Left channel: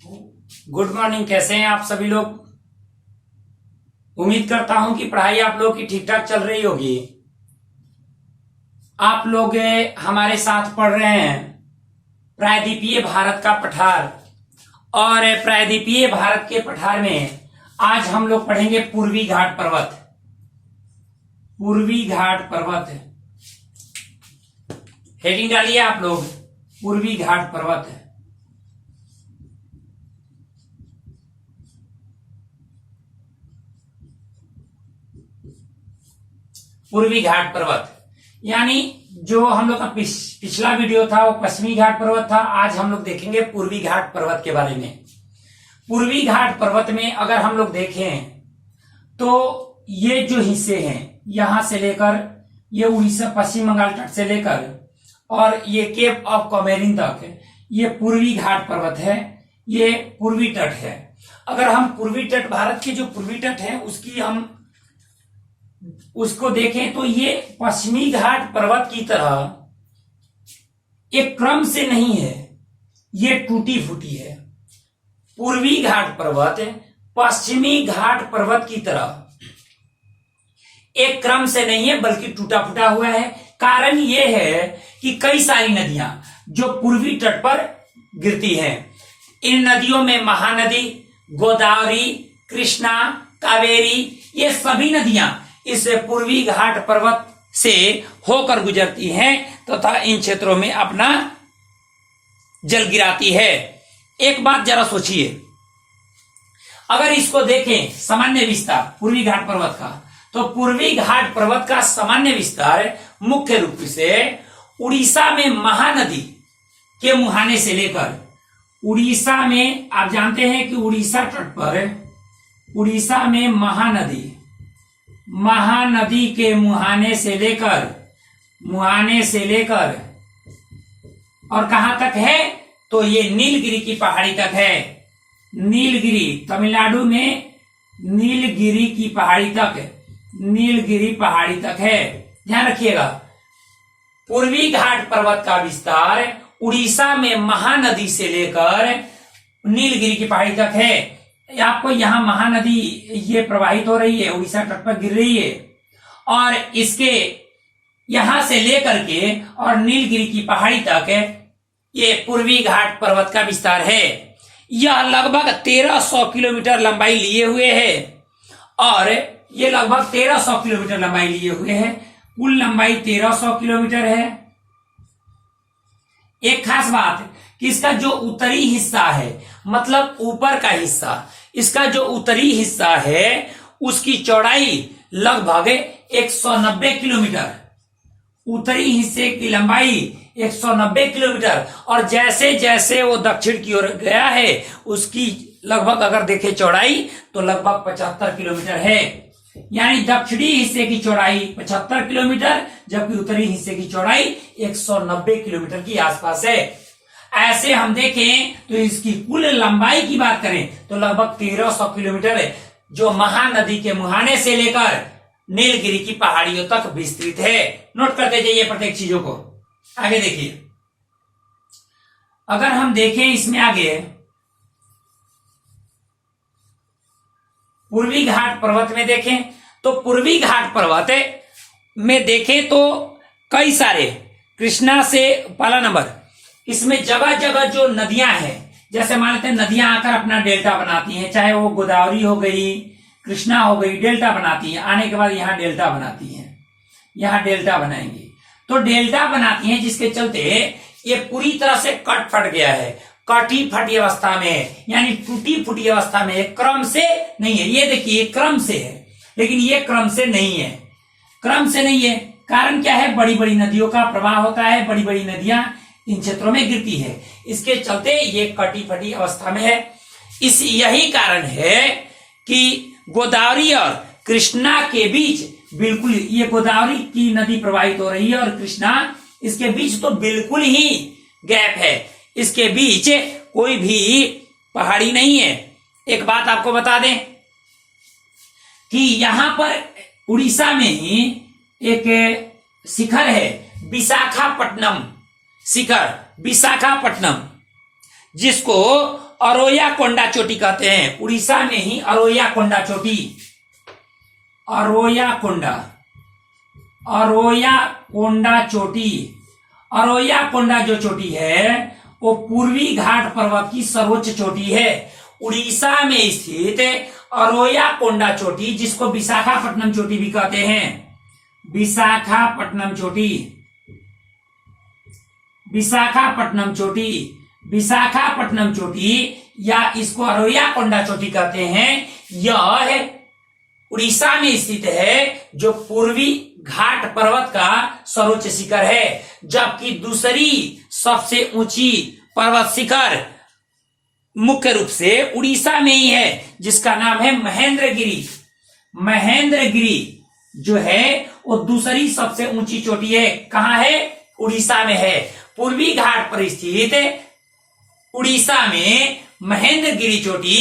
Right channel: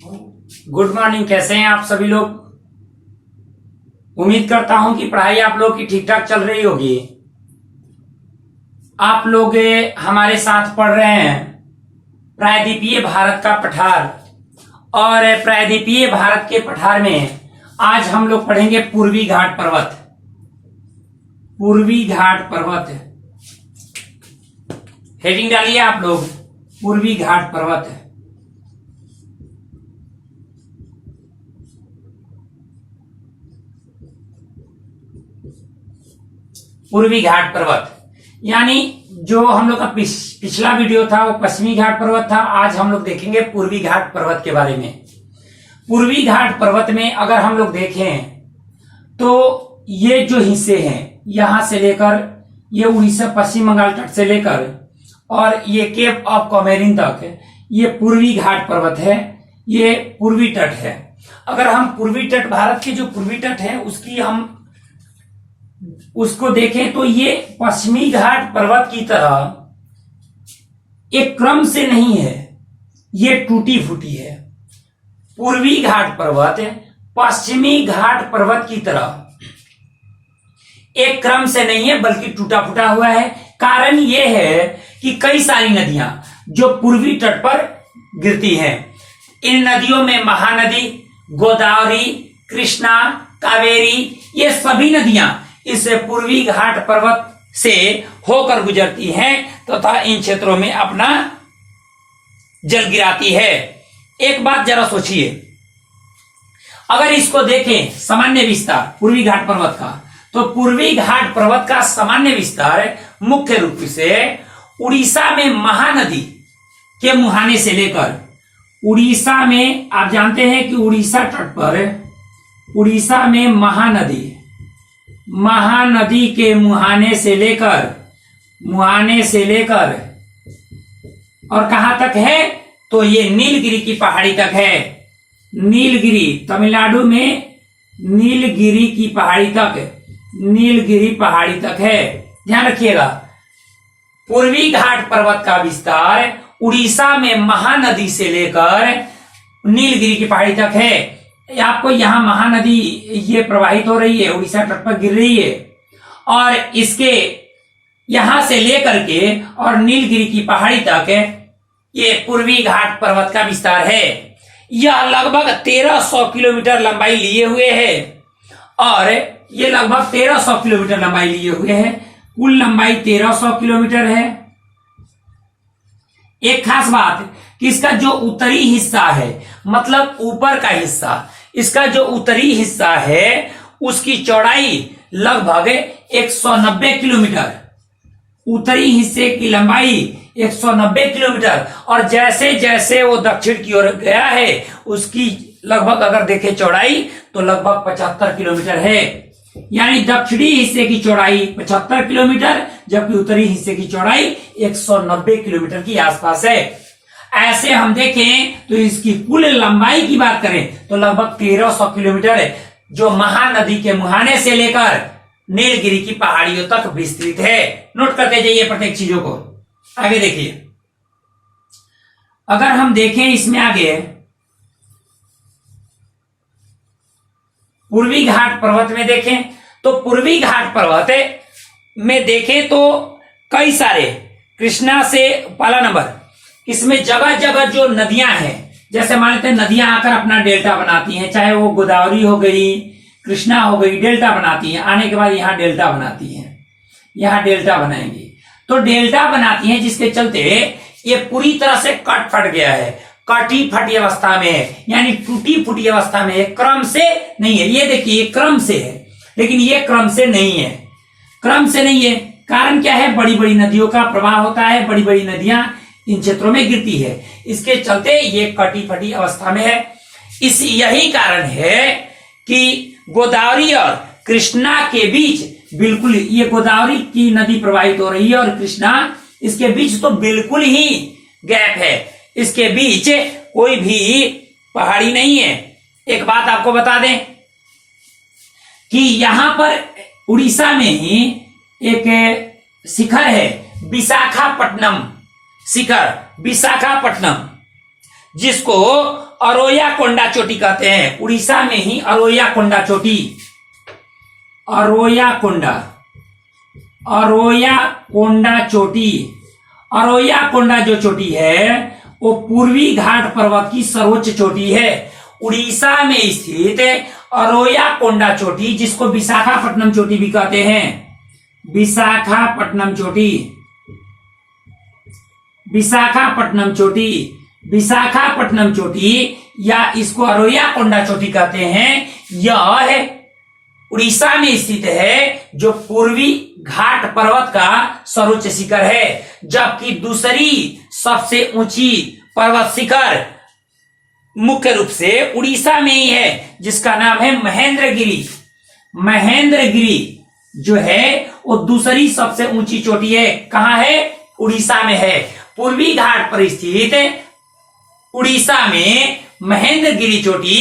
Good morning. कैसे हैं आप सभी लोग? उम्मीद करता हूं कि पढ़ाई आप लोग की ठीक ठाक चल रही होगी। आप लोग हमारे साथ पढ़ रहे हैं प्रायद्वीपीय भारत का पठार, और प्रायद्वीपीय भारत के पठार में आज हम लोग पढ़ेंगे पूर्वी घाट पर्वत। पूर्वी घाट पर्वत हेडिंग डालिए आप लोग, पूर्वी घाट पर्वत। पूर्वी घाट पर्वत यानी जो हम लोग का पिछला वीडियो था वो पश्चिमी घाट पर्वत था। आज हम लोग देखेंगे पूर्वी घाट पर्वत के बारे में। पूर्वी घाट पर्वत में अगर हम लोग देखें तो ये जो हिस्से हैं यहां से लेकर ये उड़ीसा पश्चिम बंगाल तट से लेकर और ये केप ऑफ कॉमेरिन तक ये पूर्वी घाट पर्वत है। ये पूर्वी तट है। अगर हम पूर्वी तट, भारत की जो पूर्वी तट है उसको देखें तो ये पश्चिमी घाट पर्वत की तरह एक क्रम से नहीं है, ये टूटी फूटी है। पूर्वी घाट पर्वत पश्चिमी घाट पर्वत की तरह एक क्रम से नहीं है बल्कि टूटा फूटा हुआ है। कारण यह है कि कई सारी नदियां जो पूर्वी तट पर गिरती हैं, इन नदियों में महानदी, गोदावरी, कृष्णा, कावेरी, ये सभी नदियां इस पूर्वी घाट पर्वत से होकर गुजरती हैं तथा इन क्षेत्रों में अपना जल गिराती है। एक बात जरा सोचिए, अगर इसको देखें सामान्य विस्तार पूर्वी घाट पर्वत का, तो पूर्वी घाट पर्वत का सामान्य विस्तार मुख्य रूप से उड़ीसा में महानदी के मुहाने से लेकर, उड़ीसा में आप जानते हैं कि उड़ीसा तट पर उड़ीसा में महानदी के मुहाने से लेकर और कहां तक है तो ये नीलगिरी की पहाड़ी तक है। नीलगिरी तमिलनाडु में नीलगिरी पहाड़ी तक है। ध्यान रखिएगा, पूर्वी घाट पर्वत का विस्तार उड़ीसा में महानदी से लेकर नीलगिरी की पहाड़ी तक है। आपको यहां महानदी ये प्रवाहित हो रही है, उड़ीसा तट पर गिर रही है, और इसके यहां से लेकर के और नीलगिरी की पहाड़ी तक ये पूर्वी घाट पर्वत का विस्तार है। यह लगभग 1300 किलोमीटर लंबाई लिए हुए है, और ये लगभग 1300 किलोमीटर लंबाई लिए हुए है। कुल लंबाई 1300 किलोमीटर है। एक खास बात कि इसका जो उत्तरी हिस्सा है, मतलब ऊपर का हिस्सा, इसका जो उत्तरी हिस्सा है उसकी चौड़ाई लगभग 190 किलोमीटर, उत्तरी हिस्से की लंबाई 190 किलोमीटर, और जैसे जैसे वो दक्षिण की ओर गया है उसकी लगभग अगर देखें चौड़ाई तो लगभग 75 किलोमीटर है। यानी दक्षिणी हिस्से की चौड़ाई 75 किलोमीटर जबकि उत्तरी हिस्से की चौड़ाई 190 किलोमीटर की आसपास है। ऐसे हम देखें तो इसकी कुल लंबाई की बात करें तो लगभग 1300 किलोमीटर है, जो महानदी के मुहाने से लेकर नीलगिरी की पहाड़ियों तक विस्तृत है। नोट करते जाइए प्रत्येक चीजों को। आगे देखिए, अगर हम देखें इसमें आगे पूर्वी घाट पर्वत में देखें तो पूर्वी घाट पर्वत में देखें तो कई सारे, कृष्णा से पहला नंबर, इसमें जगह जगह जो नदियां हैं, जैसे मान लेते हैं नदियां आकर अपना डेल्टा बनाती हैं, चाहे वो गोदावरी हो गई, कृष्णा हो गई, डेल्टा बनाती हैं। आने के बाद यहां डेल्टा बनाती हैं, यहां डेल्टा बनाएंगी तो डेल्टा बनाती हैं, जिसके चलते ये पूरी तरह से कट फट गया है, कटी फटी अवस्था में है, यानी टूटी फूटी अवस्था में है, क्रम से नहीं है। ये देखिए क्रम से है, लेकिन ये क्रम से नहीं है, क्रम से नहीं है। कारण क्या है? बड़ी बड़ी नदियों का प्रवाह होता है, बड़ी बड़ी नदियां इन क्षेत्रों में गिरती है, इसके चलते ये कटी फटी अवस्था में है। यही कारण है कि गोदावरी और कृष्णा के बीच बिल्कुल, ये गोदावरी की नदी प्रवाहित हो रही है और कृष्णा, इसके बीच तो बिल्कुल ही गैप है, इसके बीच कोई भी पहाड़ी नहीं है। एक बात आपको बता दें कि यहां पर उड़ीसा में ही एक शिखर है, विशाखापट्टनम शिखर, विशाखापट्टनम, जिसको अरोया कोंडा चोटी कहते हैं। उड़ीसा में ही अरोया कोंडा चोटी, अरोया कोंडा, अरोया कोंडा चोटी, अरोया कोंडा जो चोटी है वो पूर्वी घाट पर्वत की सर्वोच्च चोटी है। उड़ीसा में स्थित अरोया कोंडा चोटी, जिसको विशाखापट्टनम चोटी भी कहते हैं, विशाखापट्टनम चोटी, विशाखापट्टनम चोटी, विशाखापट्टनम चोटी या इसको अरोया कोंडा चोटी कहते हैं। यह उड़ीसा में स्थित है, जो पूर्वी घाट पर्वत का सर्वोच्च शिखर है। जबकि दूसरी सबसे ऊंची पर्वत शिखर मुख्य रूप से उड़ीसा में ही है, जिसका नाम है महेंद्रगिरी। महेंद्रगिरी जो है वो दूसरी सबसे ऊंची चोटी है। कहां है? उड़ीसा में है। पूर्वी घाट पर स्थित उड़ीसा में महेंद्रगिरी चोटी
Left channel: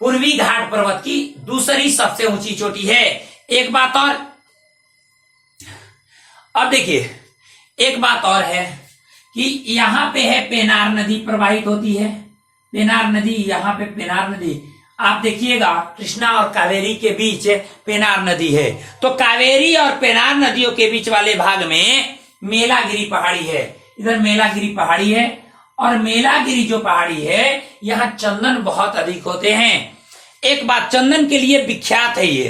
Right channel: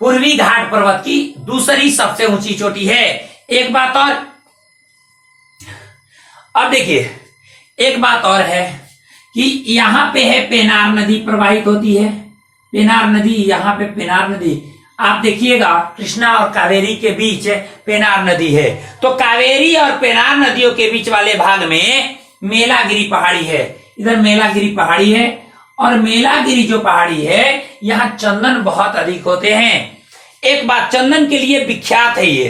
पूर्वी घाट पर्वत की दूसरी सबसे ऊंची चोटी है। एक बात और, अब देखिए एक बात और है कि यहां पे है पेनार नदी प्रवाहित होती है। पेनार नदी, यहां पे पेनार नदी, आप देखिएगा कृष्णा और कावेरी के बीच पेनार नदी है। तो कावेरी और पेनार नदियों के बीच वाले भाग में मेलागिरी पहाड़ी है। इधर मेलागिरी पहाड़ी है, और मेलागिरी जो पहाड़ी है यहाँ चंदन बहुत अधिक होते हैं। एक बात, चंदन के लिए विख्यात है ये।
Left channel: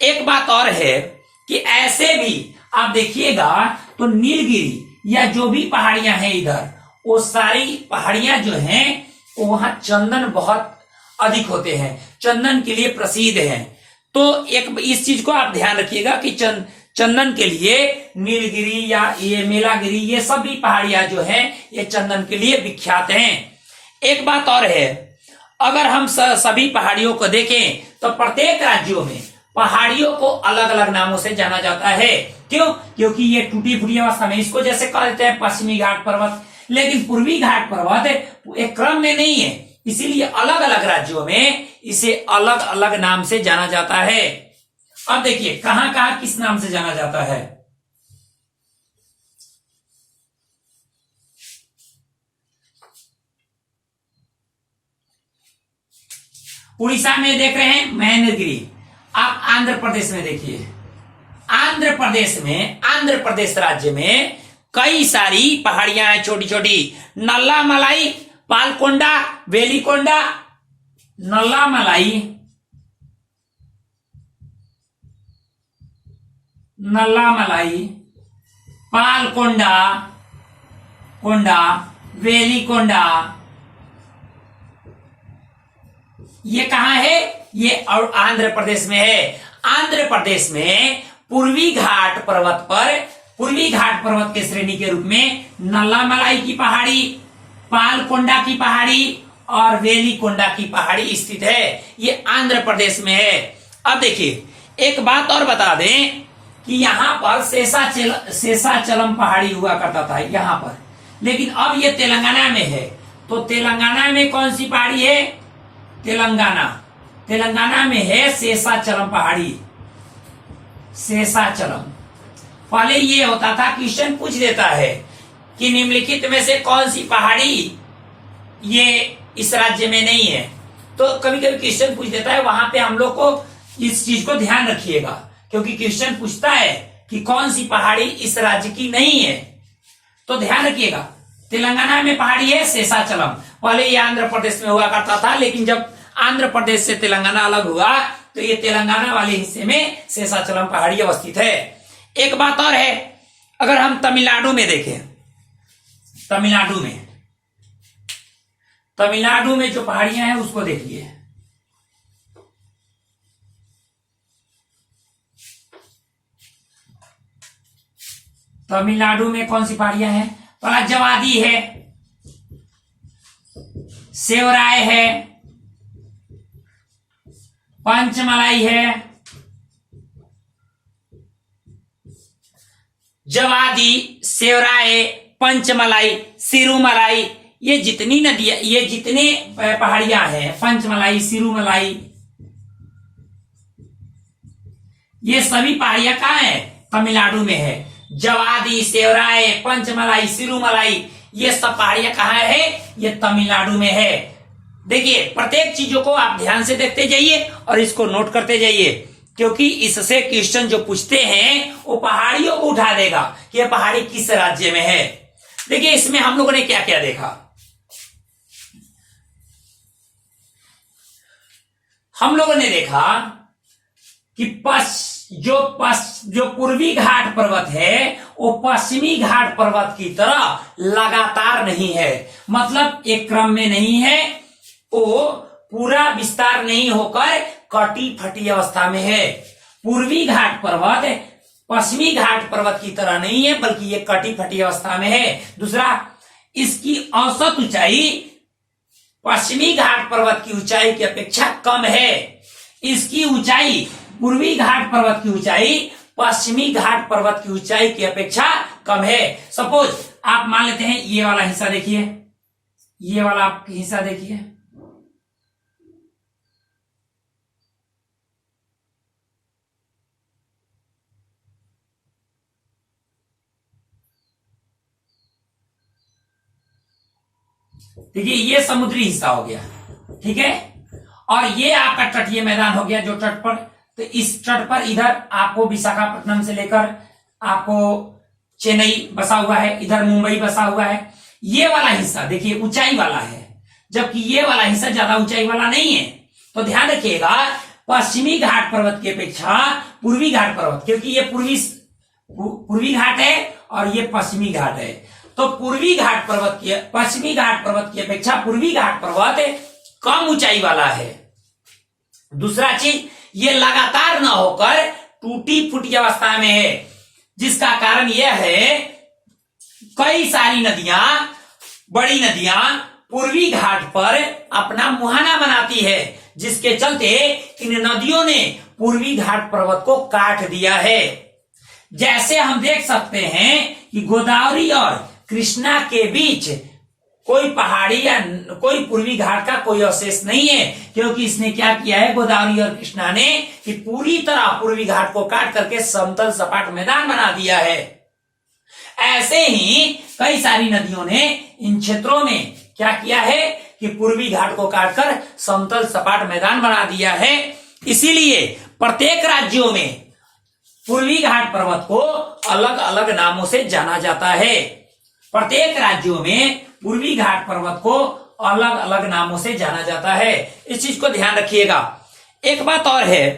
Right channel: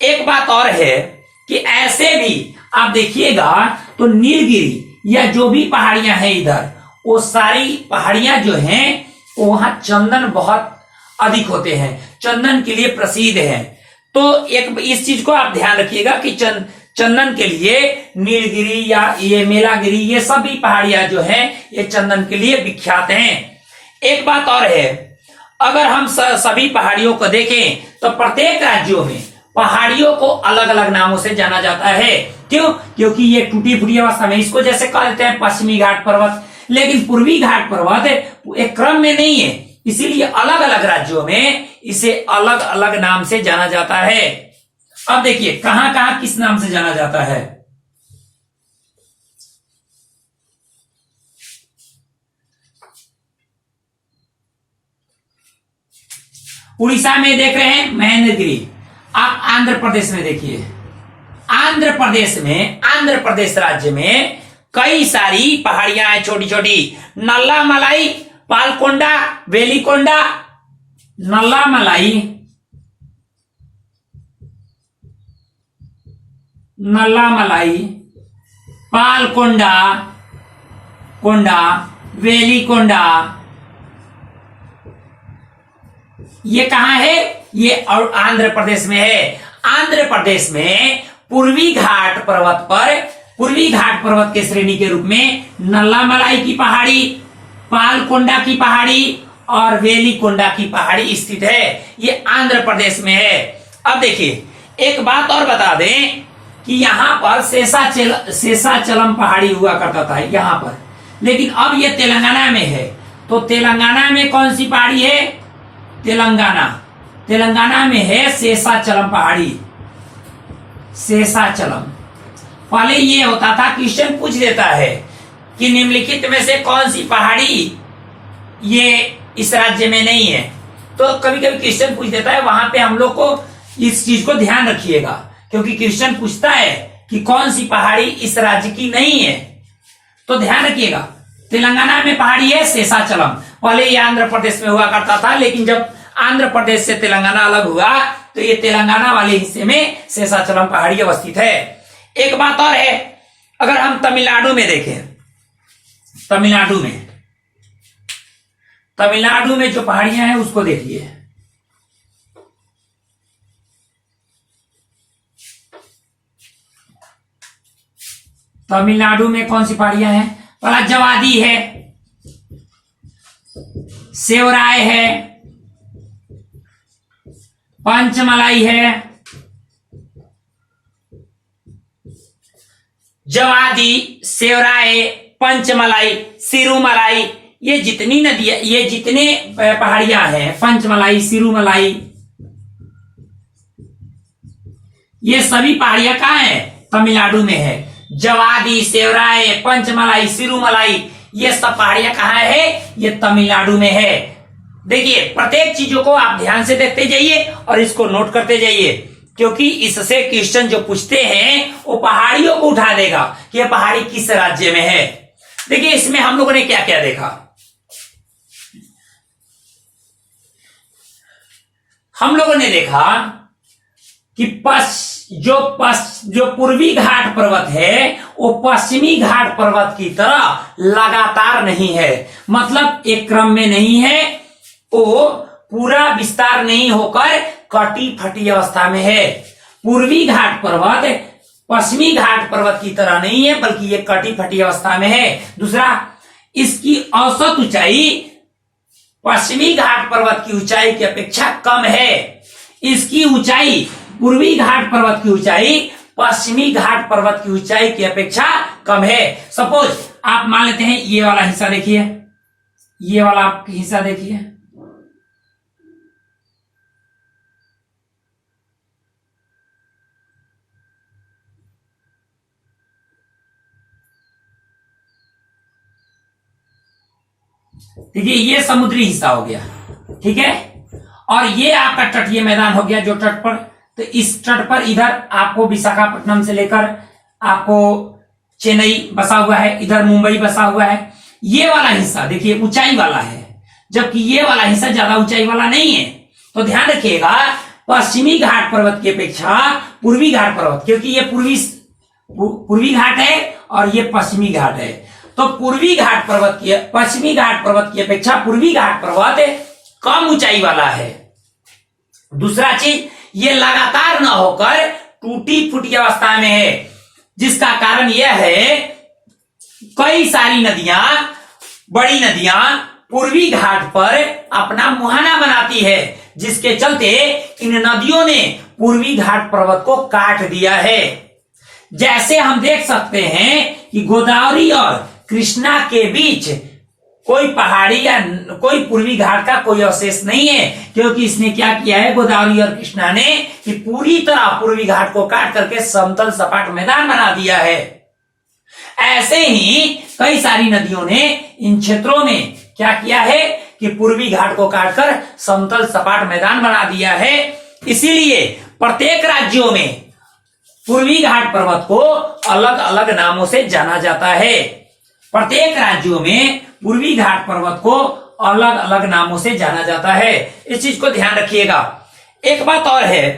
एक बात और है कि ऐसे भी आप देखिएगा तो नीलगिरी या जो भी पहाड़ियां हैं इधर, वो सारी पहाड़ियां जो हैं वहां चंदन बहुत अधिक होते हैं, चंदन के लिए प्रसिद्ध है। तो एक इस चीज को आप ध्यान रखिएगा कि चंदन के लिए नीलगिरी या ये मेलागिरी, ये सभी पहाड़ियां जो हैं ये चंदन के लिए विख्यात हैं। एक बात और है, अगर हम सभी पहाड़ियों को देखें तो प्रत्येक राज्यों में पहाड़ियों को अलग अलग नामों से जाना जाता है। क्यों? क्योंकि ये टूटी फूटी अवस्था में, इसको जैसे कह देते हैं पश्चिमी घाट पर्वत, लेकिन पूर्वी घाट पर्वत एक क्रम में नहीं है, इसीलिए अलग अलग राज्यों में इसे अलग अलग नाम से जाना जाता है। अब देखिए कहां कहां किस नाम से जाना जाता है। उड़ीसा में देख रहे हैं महेंद्रगिरी। आप आंध्र प्रदेश में देखिए, आंध्र प्रदेश में, आंध्र प्रदेश राज्य में कई सारी पहाड़ियां हैं छोटी छोटी। नल्ला मलाई, पालकोंडा, वेलिकोंडा, नल्ला मलाई, नल्ला मलाई, पालकोंडा कोंडा, वेलिकोंडा, ये कहां है? ये और आंध्र प्रदेश में है। आंध्र प्रदेश में पूर्वी घाट पर्वत पर, पूर्वी घाट पर्वत के श्रेणी के रूप में नल्ला मलाई की पहाड़ी, पालकोंडा की पहाड़ी और वेलिकोंडा की पहाड़ी स्थित है। ये आंध्र प्रदेश में है। अब देखिए एक बात और बता दें कि यहां पर शेषाचलम पहाड़ी हुआ करता था यहां पर, लेकिन अब ये तेलंगाना में है। तो तेलंगाना में कौन सी पहाड़ी है? तेलंगाना में है शेषाचलम पहाड़ी, शेषाचलम। पहले ये होता था, क्वेश्चन पूछ देता है कि निम्नलिखित में से कौन सी पहाड़ी ये इस राज्य में नहीं है, तो कभी कभी क्वेश्चन पूछ देता है। वहां पे हम लोग को इस चीज को ध्यान रखिएगा, क्योंकि क्वेश्चन पूछता है कि कौन सी पहाड़ी इस राज्य की नहीं है, तो ध्यान रखिएगा। तेलंगाना में पहाड़ी है शेषाचलम। पहले ये आंध्र प्रदेश में हुआ करता था, लेकिन जब आंध्र प्रदेश से तेलंगाना अलग हुआ तो ये तेलंगाना वाले हिस्से में शेषाचलम पहाड़ी अवस्थित है। एक बात और है, अगर हम तमिलनाडु में देखें, तमिलनाडु में जो पहाड़ियां हैं उसको देखिए। तमिलनाडु में कौन सी पहाड़ियां हैं? पहला जवादी है, सेवराय है, पंचमलाई है, जवादी, सेवराय, पंचमलाई, सिरुमलाई, ये जितनी नदियां, ये जितने पहाड़ियां हैं, पंचमलाई, सिरुमलाई, ये सभी पहाड़ियां कहां है? तमिलनाडु में है। जवादी, सेवराय, पंचमलाई, सिरुमलाई, ये सब पहाड़ियां कहाँ है? ये तमिलनाडु में है। देखिए प्रत्येक चीजों को आप ध्यान से देखते जाइए और इसको नोट करते जाइए, क्योंकि इससे क्वेश्चन जो पूछते हैं वो पहाड़ियों को उठा देगा कि यह पहाड़ी किस राज्य में है। देखिए इसमें हम लोगों ने क्या क्या देखा। हम लोगों ने देखा कि जो पूर्वी घाट पर्वत है वो पश्चिमी घाट पर्वत की तरह लगातार नहीं है, मतलब एक क्रम में नहीं है, वो पूरा विस्तार नहीं होकर कटी फटी अवस्था में है। पूर्वी घाट पर्वत पश्चिमी घाट पर्वत की तरह नहीं है, बल्कि ये कटी फटी अवस्था में है। दूसरा, इसकी औसत ऊंचाई पश्चिमी घाट पर्वत की ऊंचाई की अपेक्षा कम है। इसकी ऊंचाई, पूर्वी घाट पर्वत की ऊंचाई पश्चिमी घाट पर्वत की ऊंचाई की अपेक्षा कम है। सपोज आप मान लेते हैं ये वाला हिस्सा देखिए, ये वाला आप हिस्सा देखिए, देखिए ये समुद्री हिस्सा हो गया, ठीक है, और ये आपका तटीय मैदान हो गया जो तट पर। तो इस तट पर इधर आपको विशाखापट्टनम से लेकर आपको चेन्नई बसा हुआ है, इधर मुंबई बसा हुआ है। ये वाला हिस्सा देखिए ऊंचाई वाला है, जबकि ये वाला हिस्सा ज्यादा ऊंचाई वाला नहीं है। तो ध्यान रखिएगा, पश्चिमी घाट पर्वत की अपेक्षा पूर्वी घाट पर्वत, क्योंकि ये पूर्वी घाट है और ये पश्चिमी घाट है, तो पूर्वी घाट पर्वत की पश्चिमी घाट पर्वत की अपेक्षा पूर्वी घाट पर्वत कम ऊंचाई वाला है। दूसरा चीज, ये लगातार न होकर टूटी फूटी अवस्था में है, जिसका कारण यह है कई सारी नदियां, बड़ी नदियां पूर्वी घाट पर अपना मुहाना बनाती है, जिसके चलते इन नदियों ने पूर्वी घाट पर्वत को काट दिया है। जैसे हम देख सकते हैं कि गोदावरी और कृष्णा के बीच कोई पहाड़ी या कोई पूर्वी घाट का कोई अवशेष नहीं है, क्योंकि इसने क्या किया है, गोदावरी और कृष्णा ने, कि पूरी तरह पूर्वी घाट को काट करके समतल सपाट मैदान बना दिया है। ऐसे ही कई सारी नदियों ने इन क्षेत्रों में क्या किया है कि पूर्वी घाट को काटकर समतल सपाट मैदान बना दिया है। इसीलिए प्रत्येक राज्यों में पूर्वी घाट पर्वत को अलग अलग नामों से जाना जाता है। प्रत्येक राज्यों में पूर्वी घाट पर्वत को अलग अलग नामों से जाना जाता है। इस चीज को ध्यान रखिएगा। एक बात और है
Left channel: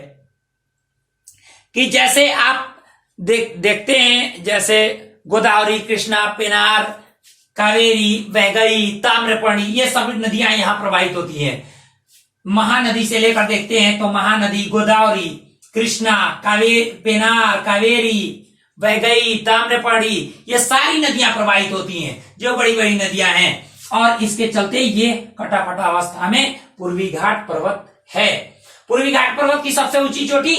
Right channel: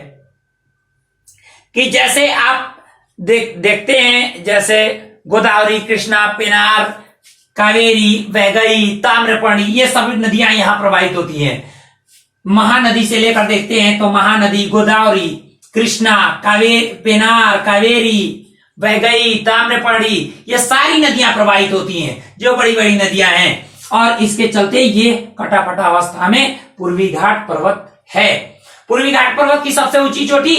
कि जैसे आप देखते हैं, जैसे गोदावरी, कृष्णा, पेनार, कावेरी, वैगई, ताम्रपर्णी, ये सभी नदियां यहां प्रवाहित होती हैं। महानदी से लेकर देखते हैं तो महानदी, गोदावरी, कृष्णा, पेनार, कावेरी, वैगई, ताम्रपर्णी, ये सारी नदियां प्रवाहित होती हैं, जो बड़ी बड़ी नदियां हैं, और इसके चलते ये कटाफटा अवस्था में पूर्वी घाट पर्वत है। पूर्वी घाट पर्वत की सबसे ऊंची चोटी,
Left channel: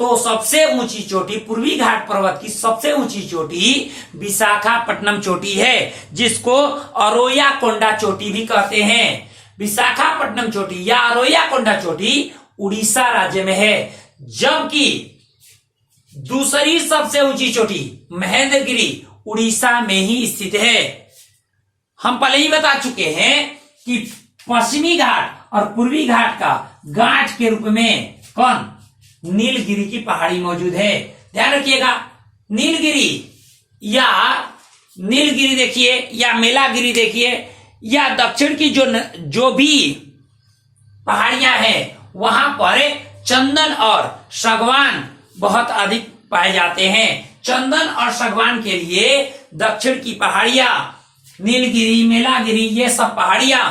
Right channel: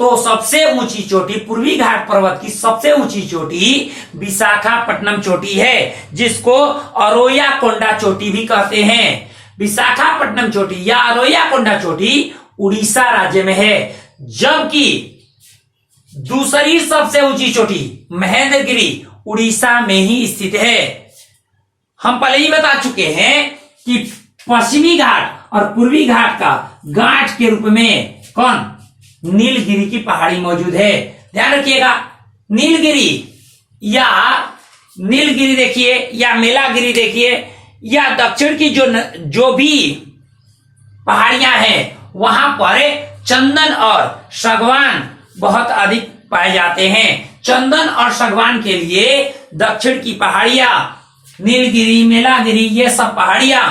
तो सबसे ऊंची चोटी पूर्वी घाट पर्वत की सबसे ऊंची चोटी विशाखापट्टनम चोटी है, जिसको अरोया कोंडा चोटी भी कहते हैं। विशाखापट्टनम चोटी या अरोया कोंडा चोटी उड़ीसा राज्य में है, जबकि दूसरी सबसे ऊंची चोटी महेंद्रगिरी उड़ीसा में ही स्थित है। हम पहले ही बता चुके हैं कि पश्चिमी घाट और पूर्वी घाट का गांठ के रूप में कौन, नीलगिरी की पहाड़ी मौजूद है। ध्यान रखिएगा, नीलगिरी देखिए या मेलागिरी देखिए, या दक्षिण की जो भी पहाड़ियां हैं वहां पर चंदन और सागवान बहुत अधिक पाए जाते हैं। चंदन और सागवान के लिए दक्षिण की पहाड़ियां, नीलगिरी, मेलागिरी, ये सब पहाड़ियां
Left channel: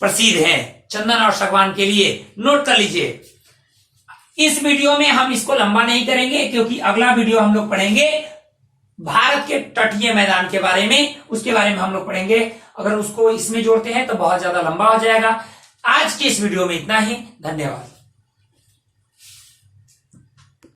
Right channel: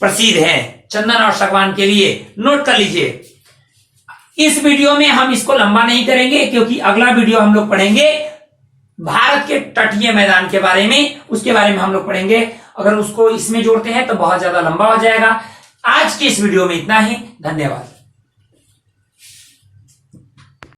प्रसिद्ध हैं चंदन और सागवान के लिए। नोट कर लीजिए। इस वीडियो में हम इसको लंबा नहीं करेंगे, क्योंकि अगला वीडियो हम लोग पढ़ेंगे भारत के तटीय मैदान के बारे में, उसके बारे में हम लोग पढ़ेंगे। अगर उसको इसमें जोड़ते हैं तो बहुत ज्यादा लंबा हो जाएगा। आज के इस वीडियो में इतना ही। धन्यवाद।